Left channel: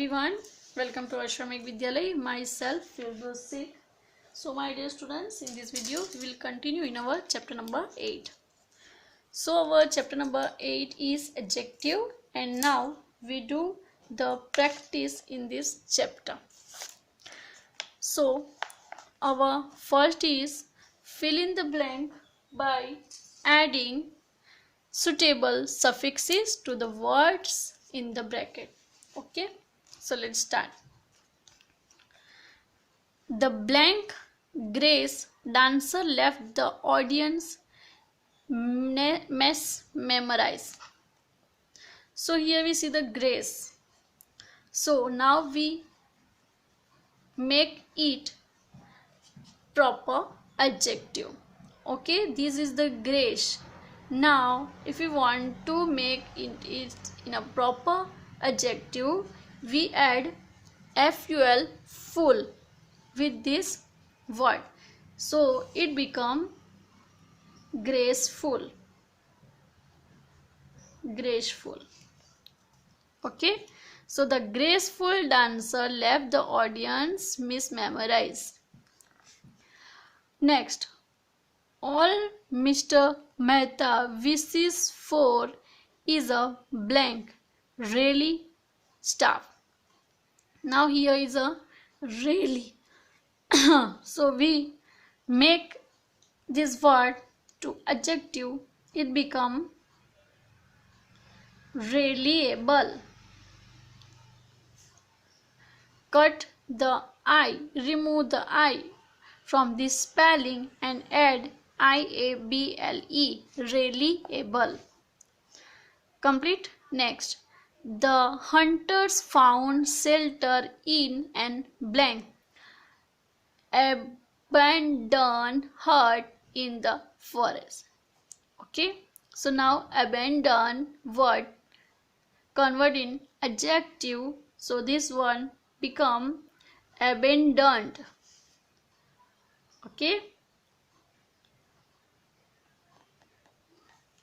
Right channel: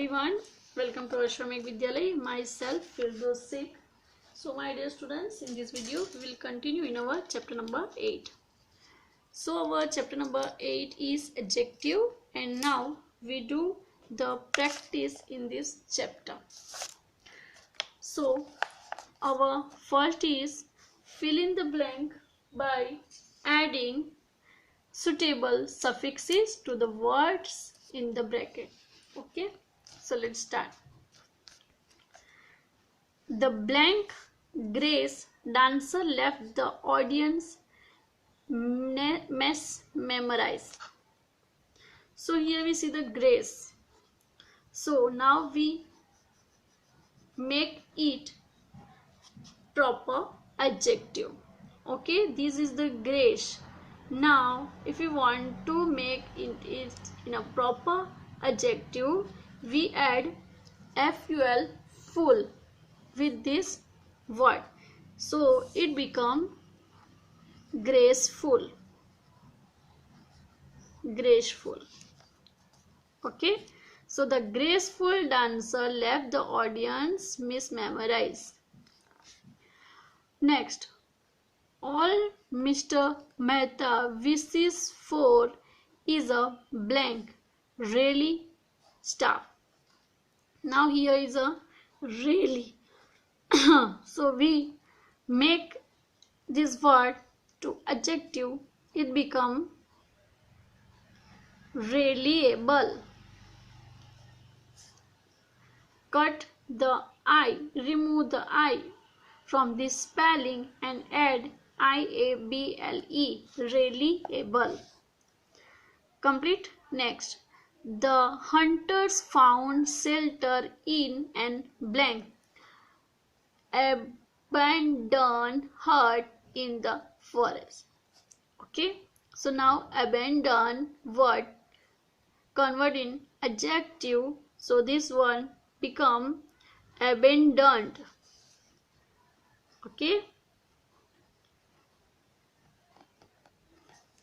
everyone, welcome to Ashramik Vidyalay. Myself Firdosh. So my dear students, in this video we will continue in our chapter number 8. So our chapter number 8 is adjective, and now we do the practice in this chapter. So our first is fill in the blank by adding suitable suffixes to the words in the bracket. Okay, so let's start. The blank Grace dancer left the audience mesmerized. So here we see the Grace. So now we make it proper adjective. Okay, this is the Grace. Now if we want to make it in a proper adjective, we add ful full with this word, so it become graceful. Okay, so the graceful dancer left the audience mesmerized. Next, all Mr. Mehta wishes for is a blank really staff. Now here is a really. So we make this word to adjective, it become reliable. Cut the I, remove the I from this spelling and add IABLE, reliable. Complete. Next, the hunters found shelter in an blank abandoned hut in the forest. Okay, so now abandoned word convert in adjective, so this one become abandoned. Okay,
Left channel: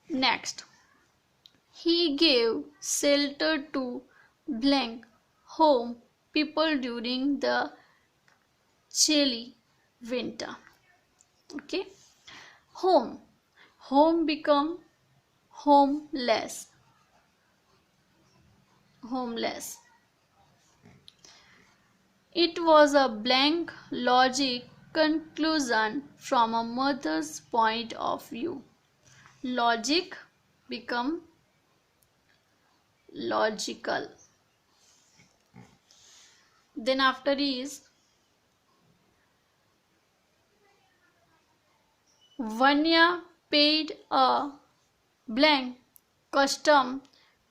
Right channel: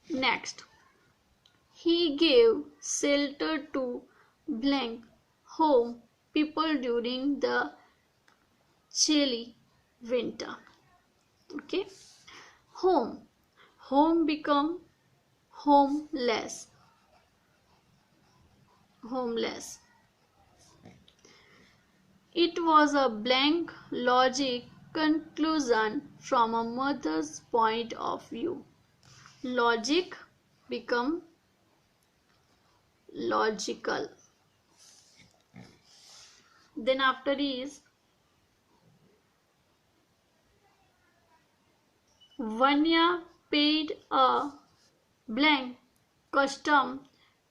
next, he gave shelter to blank home people during the chilly winter. Okay, home become homeless. It was a blank logic conclusion from a mother's point of view. Logic become logical. Then after is Vanya paid a blank custom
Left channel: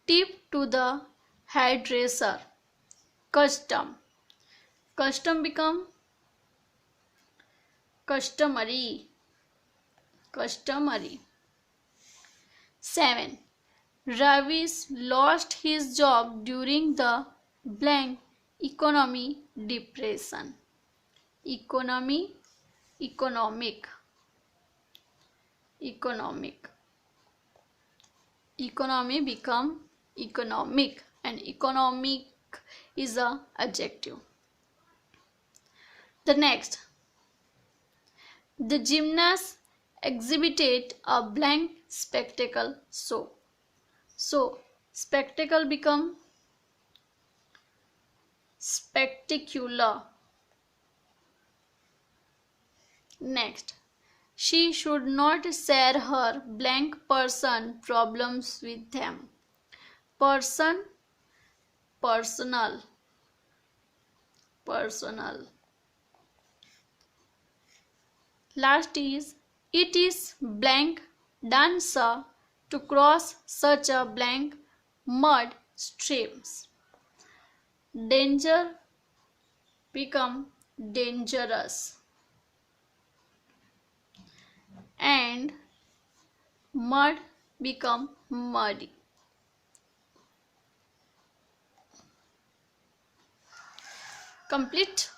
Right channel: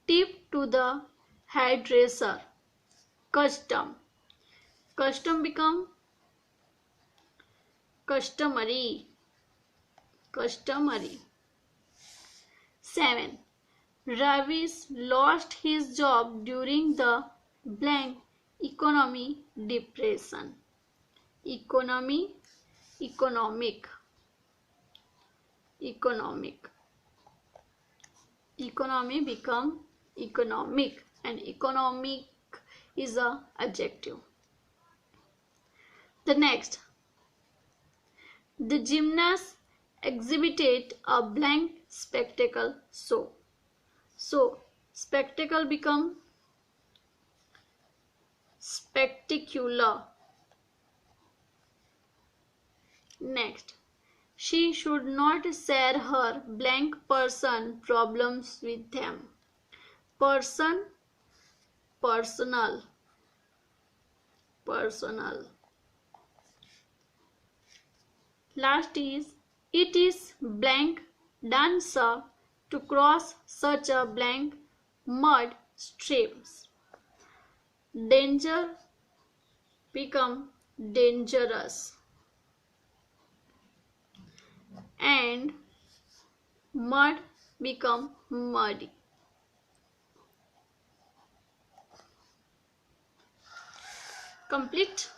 tip to the hairdresser. Custom become customary. 7. Ravis lost his job during the blank economic depression. Economic become economic, and economic is a adjective. The next, the gymnast exhibited a blank spectacle show. So spectacle become spectacular. Next, she should not share her blank person problems with them. Person, personal. Last is, it is blank dancer to cross such a blank mud streams. Danger become dangerous, and mud become muddy. Complete.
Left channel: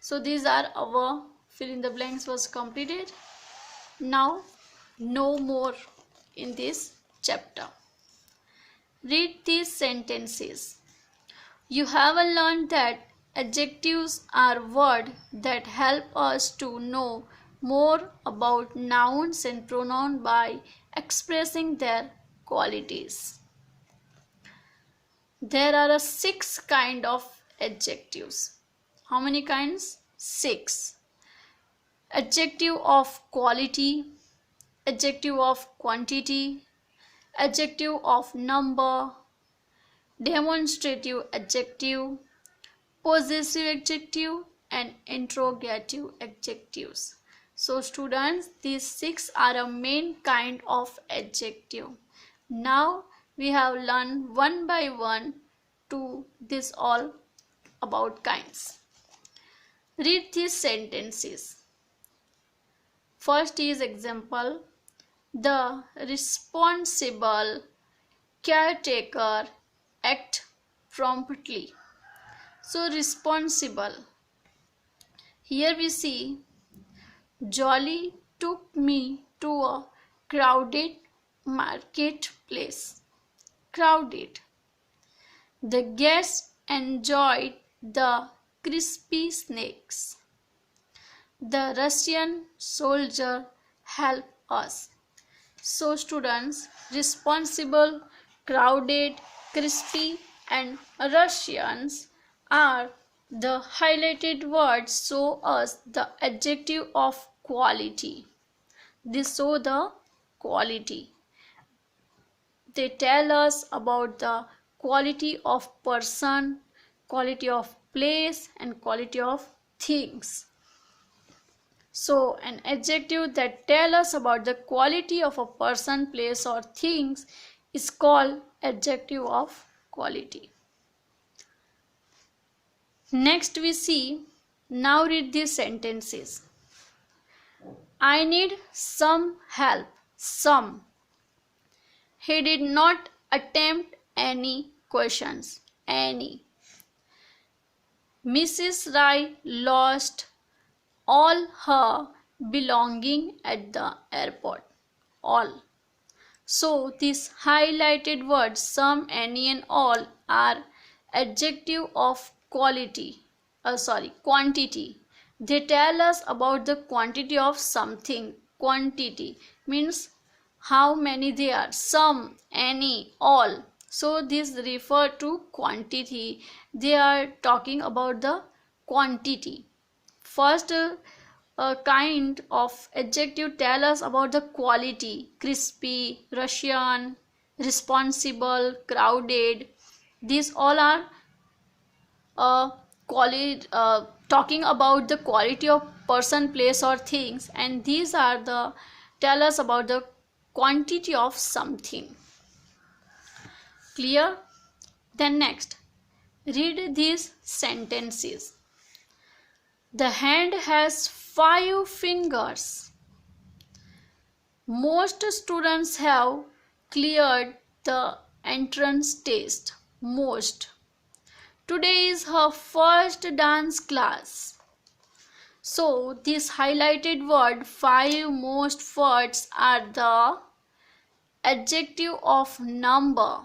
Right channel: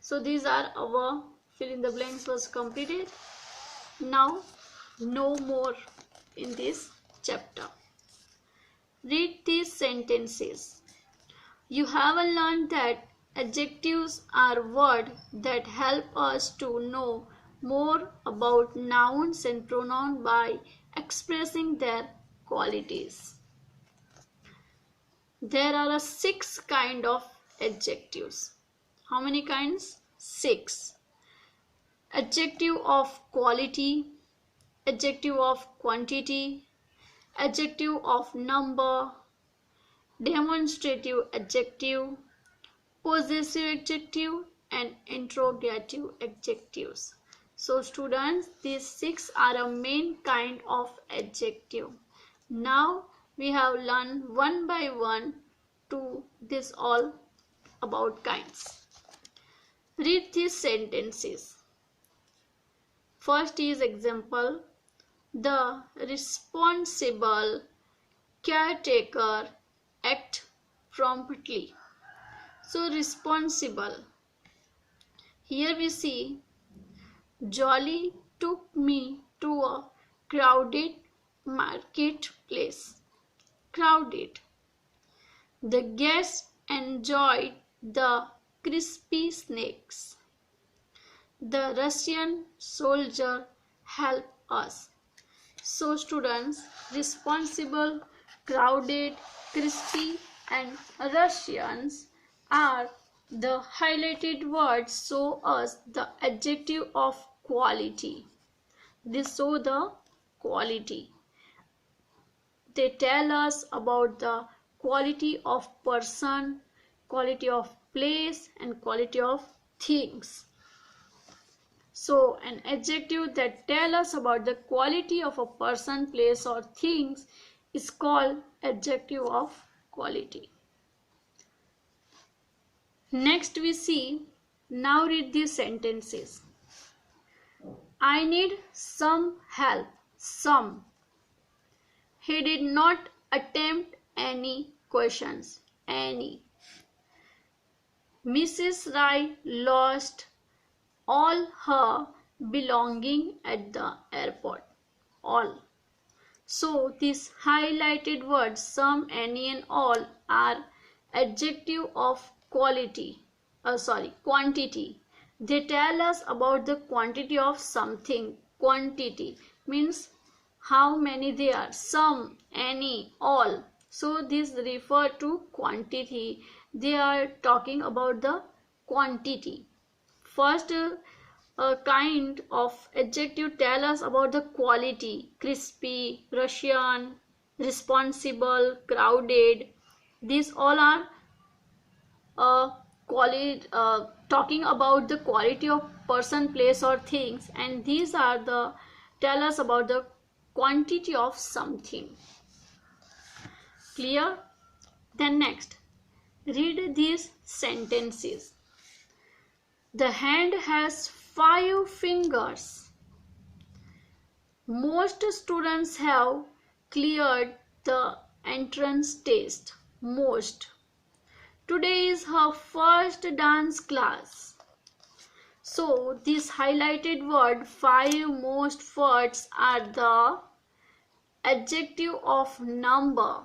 So these are our fill in the blanks was completed. Now no more in this chapter. Read these sentences. You have learned that adjectives are words that help us to know more about nouns and pronouns by expressing their qualities. There are 6 kinds of adjectives. How many kinds? 6. Adjective of quality, adjective of quantity, adjective of number, demonstrative adjective, possessive adjective, and interrogative adjectives. So students, these 6 are a main kind of adjective. Now we have learned one by one to this all about kinds. Read these sentences. First is example. The responsible caretaker act promptly. So responsible. Here we see Jolly took me to a crowded marketplace. Crowded. The guests enjoyed the crispy snacks. The Russian soldier helped us. So students, responsible, crowded, crispy and Russians are the highlighted words show us the adjective of quality. They show the quality. They tell us about the quality of person, quality of place and quality of things. So an adjective that tells us about the quality of a person, place or things is called adjective of quality. Next we see, now read these sentences. I need some help. Some. He did not attempt any questions. Any. Mrs. Rai lost all her belonging at the airport. All. So these highlighted words some, any and all are adjective of quantity. They tell us about the quantity of something. Quantity means how many there are. Some, any, all. So these refer to quantity. They are talking about the quantity. First kind of adjective tell us about the quality. Crispy, Russian, responsible, crowded. These all are talking about the quality of person, place or things, and these are the tell us about the quantity of something. Clear? Then next, read these sentences. The hand has 5 fingers. Most students have cleared the entrance test. Most. Today is her first dance class. So this highlighted word 5, most, first are the adjective of number.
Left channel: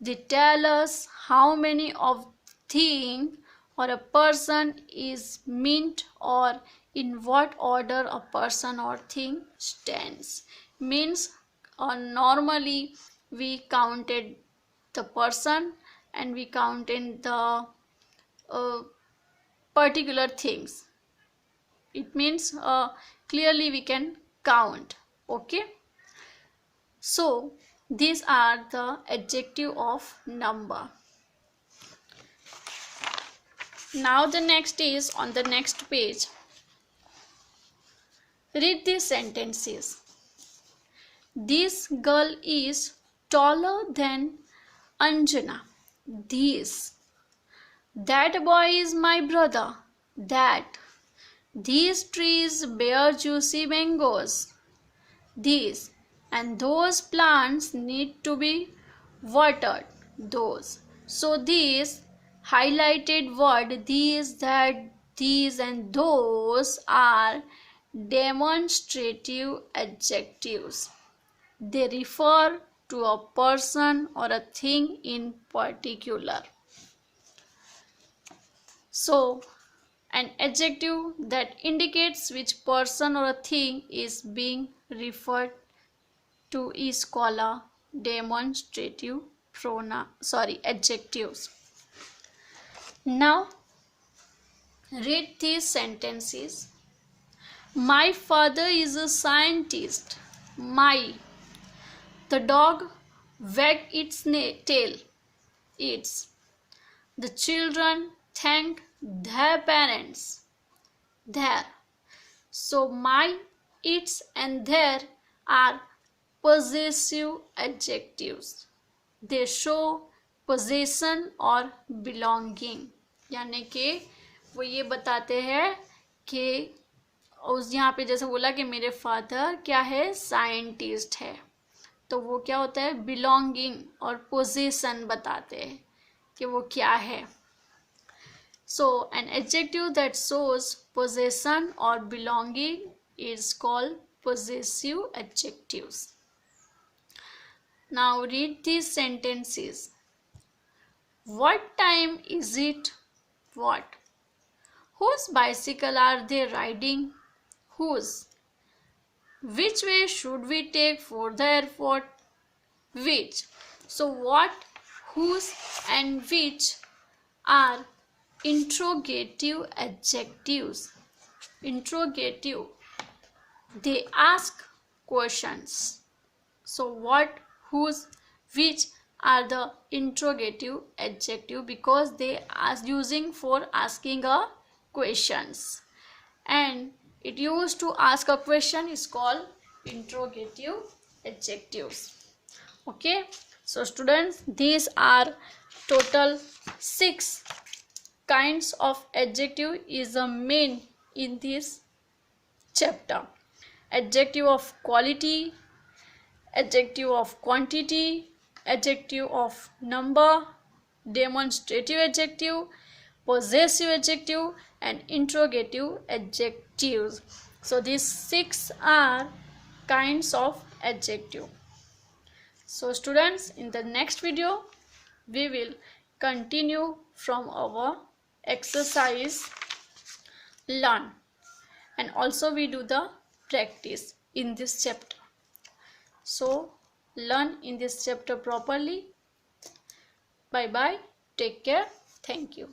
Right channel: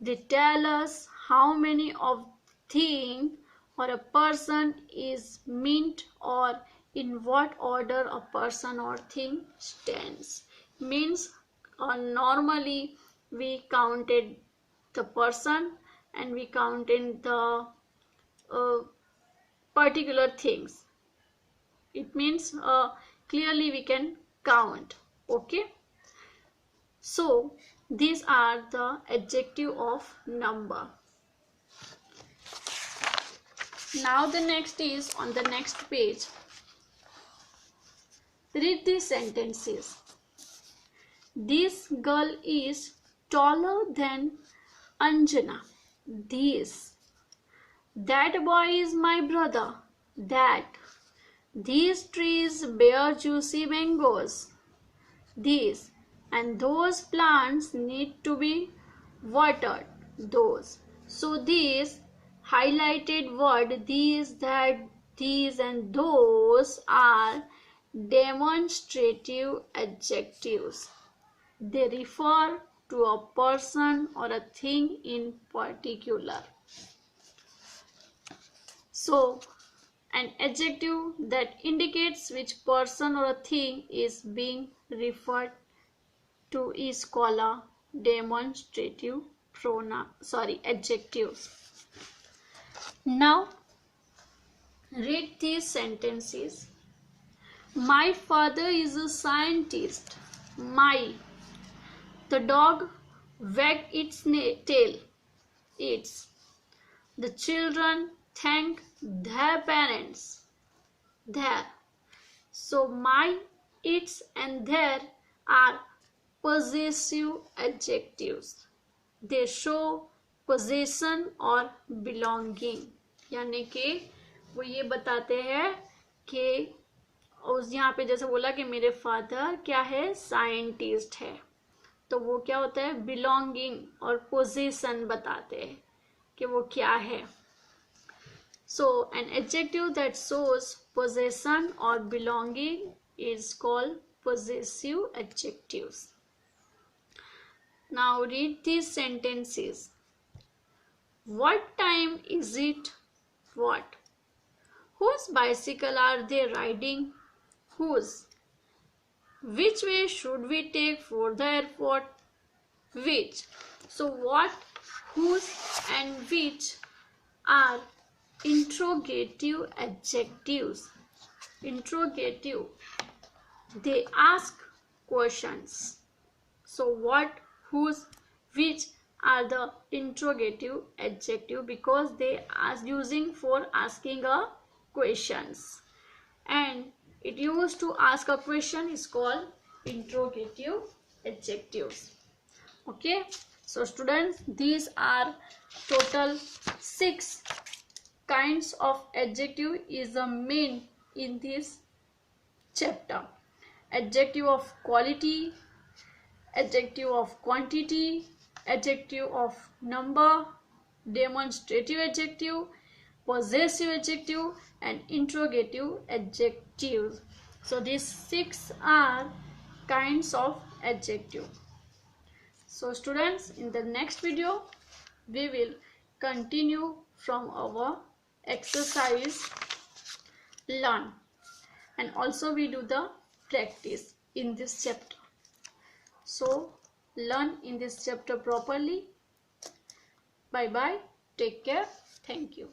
They tell us how many of thing or a person is meant or in what order a person or thing stands. Means normally we counted the person and we counted the particular things. It means clearly we can count. Okay. So these are the adjective of number. Now the next is on the next page. Read these sentences. This girl is taller than Anjana. This. That boy is my brother. That. These trees bear juicy mangoes. These. And those plants need to be watered. Those. So these highlighted word, these, that, these and those are demonstrative adjectives. They refer to a person or a thing in particular. So an adjective that indicates which person or a thing is being referred to is called a demonstrative adjectives. Now read these sentences. My father is a scientist. My. The dog wagged its tail. Its. The children thank their parents. Their. So my, its and their are possessive adjectives. They show possession or belonging. यानी कि वो ये बताते हैं कि उस यहाँ पे जैसे बोला कि मेरे फादर क्या है, साइंटिस्ट है, तो वो क्या होता है, बिलोंगिंग और पोजीशन बताते हैं कि वो क्या है. So an adjective that shows possession or belonging is called possessive adjectives. Now read these sentences. What time is it? What. Whose bicycle are they riding? Whose. Which way should we take for the airport? Which. So what, whose and which are interrogative adjectives. Interrogative. They ask questions. So what, whose, which are the interrogative adjective because they are using for asking a questions, and it used to ask a question is called interrogative adjectives. Okay, so students, these are total 6 kinds of adjective is the main in this chapter. Adjective of quality, adjective of quantity, adjective of number, demonstrative adjective, possessive adjective and interrogative adjectives. So these 6 are kinds of adjective. So students, in the next video we will continue from our exercise learn, and also we do the practice in this chapter. So learn in this chapter properly. Bye bye, take care, thank you.